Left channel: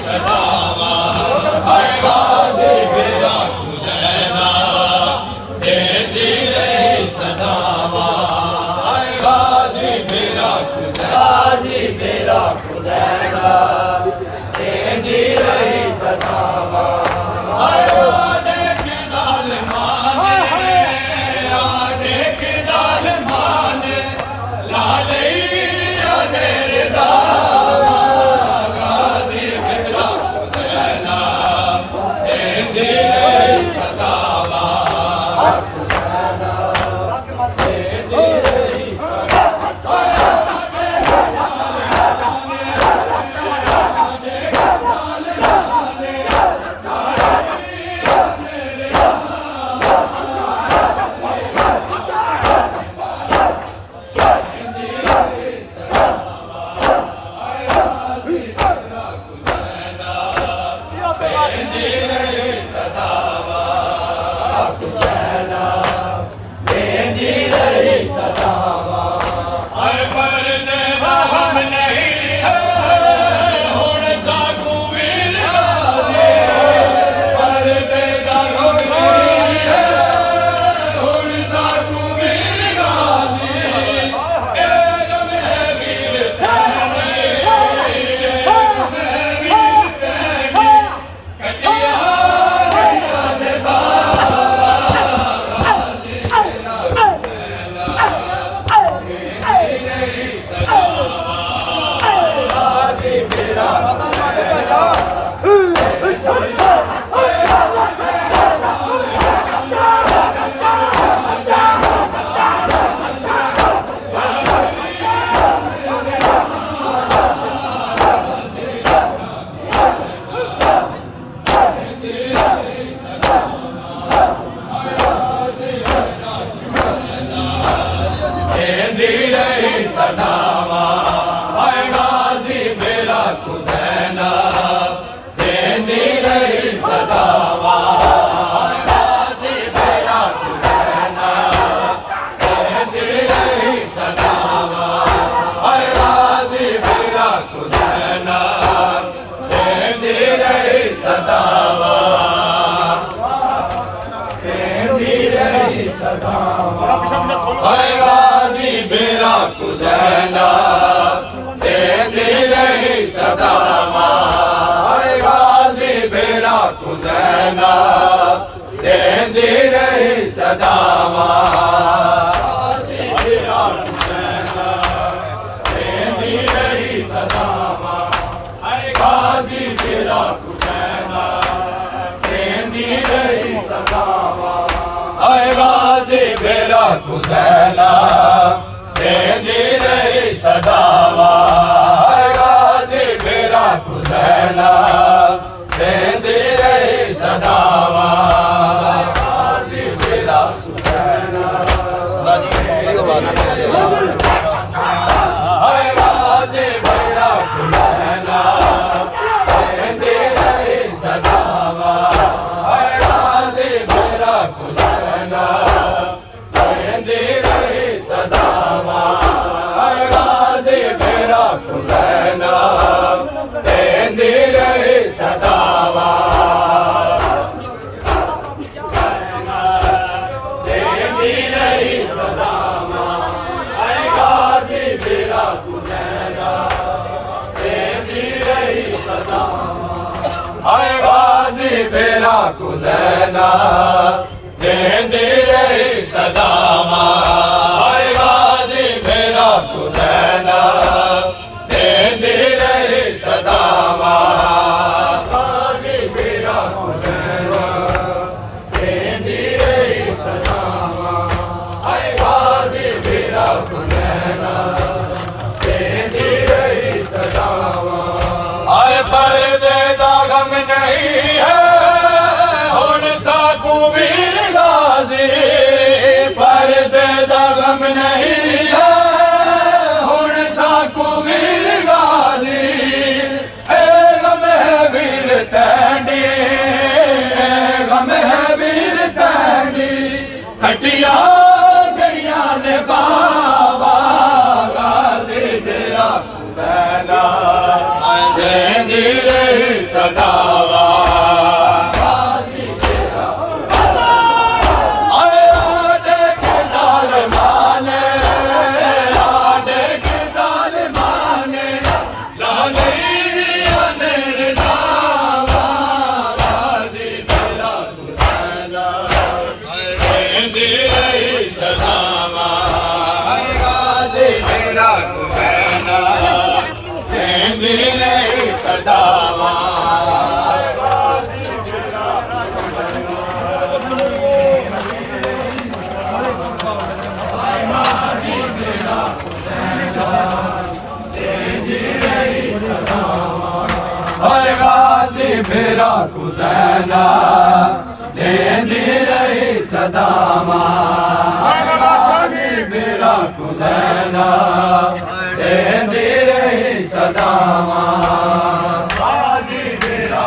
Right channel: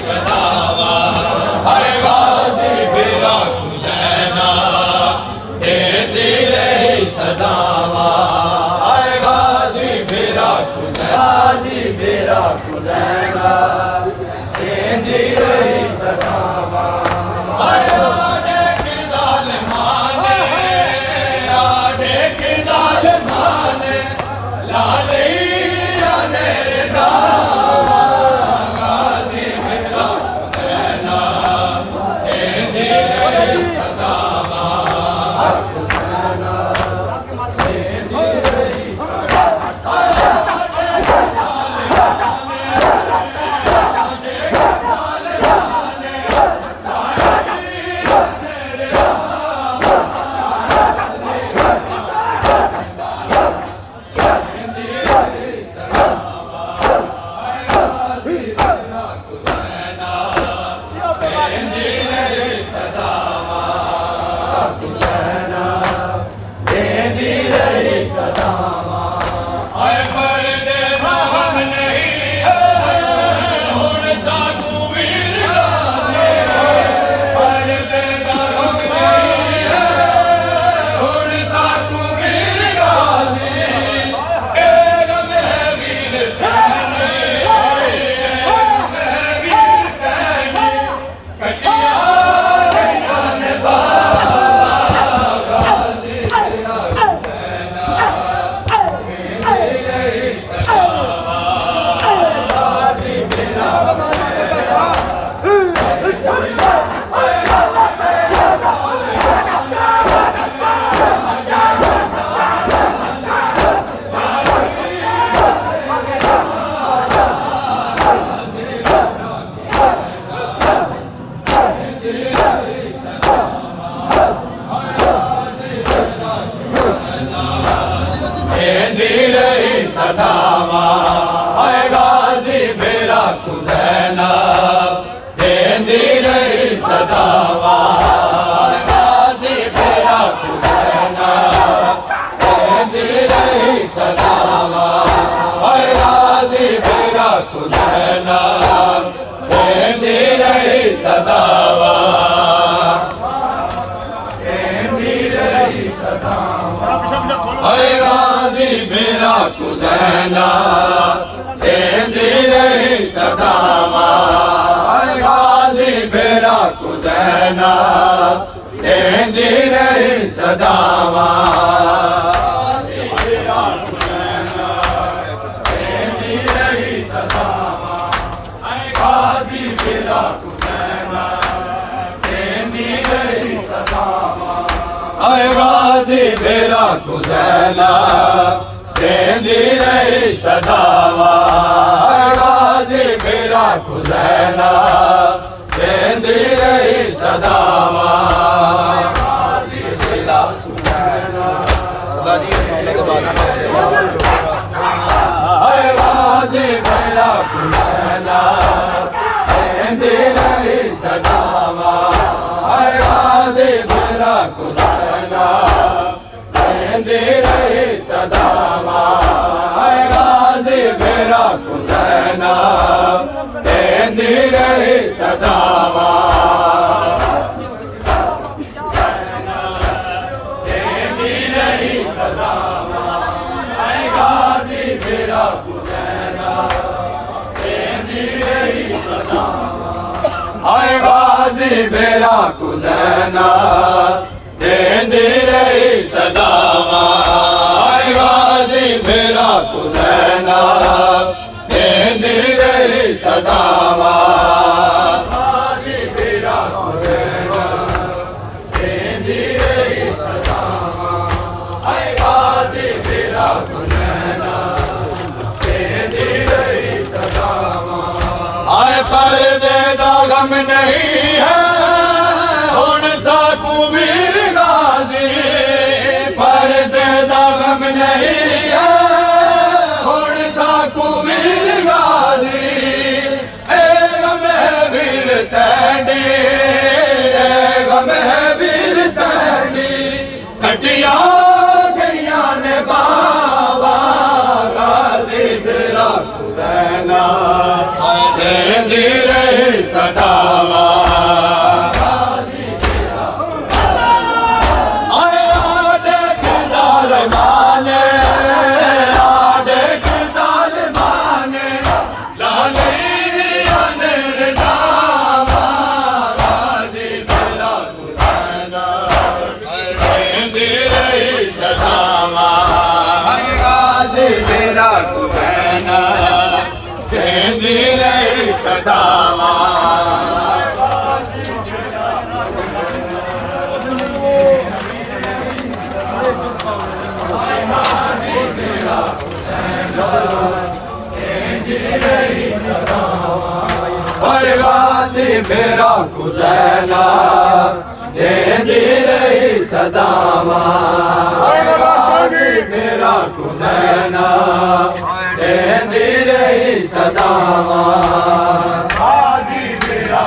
सदावा हर गाज़ी बिरा हुसैना देती रही सदावा हर गाज़ी बिरा हुसैना देती रही सदावा आडे की ज़ालिमाने लाले मेरे दावा गाज़ी बिरा हुसैना देती रही सदावा सदावा हाय गाज़ी बिरा हुसैना देती रही सदावा हाय गाज़ी बिरा हुसैना देती रही सदावा हाय गाज़ी बिरा हुसैना देती रही सदावा देती रही सदावा हाय गाज़ी बिरा हुसैना देती रही सदावा हाय गाज़ी बिरा हुसैना देती रही सदावा देती रही सदावा हाय गाज़ी बिरा हुसैना देती रही सदावा हाय गाज़ी बिरा हुसैना देती रही सदावा हाय गाज़ी बिरा हुसैना देती रही सदावा गाज़ी बिरा हुसैना हाय गाज़ी बिरा हुसैना देती रही सदावा हाय गाज़ी बिरा हुसैना देती रही सदावा हाय गाज़ी बिरा हुसैना देती रही सदावा देती रही सदावा हाय गाज़ी बिरा हुसैना देती रही सदावा हाय गाज़ी बिरा हुसैना देती रही सदावा हाय गाज़ी बिरा हुसैना देती रही सदावा गाज़ी बिरा हुसैना देती रही सदावा हाय गाज़ी बिरा हुसैना देती रही सदावा हाय पर्दे दा गम नहीं है हुण साकू वीर गाज़ी पर्दे दा गम नहीं है हुण साकू वीर गाज़ी ए गम है वीर तैंडी गम है वीर तैंडी कटिया गईया ने बाबा गाज़ी बिरा हुसैना देती रही सदावा सदावा गाजी मेरा कुसैना देंदी रही सदावा गाजी मेरा कुसैना देंदी रही सदावा गाजी मेरा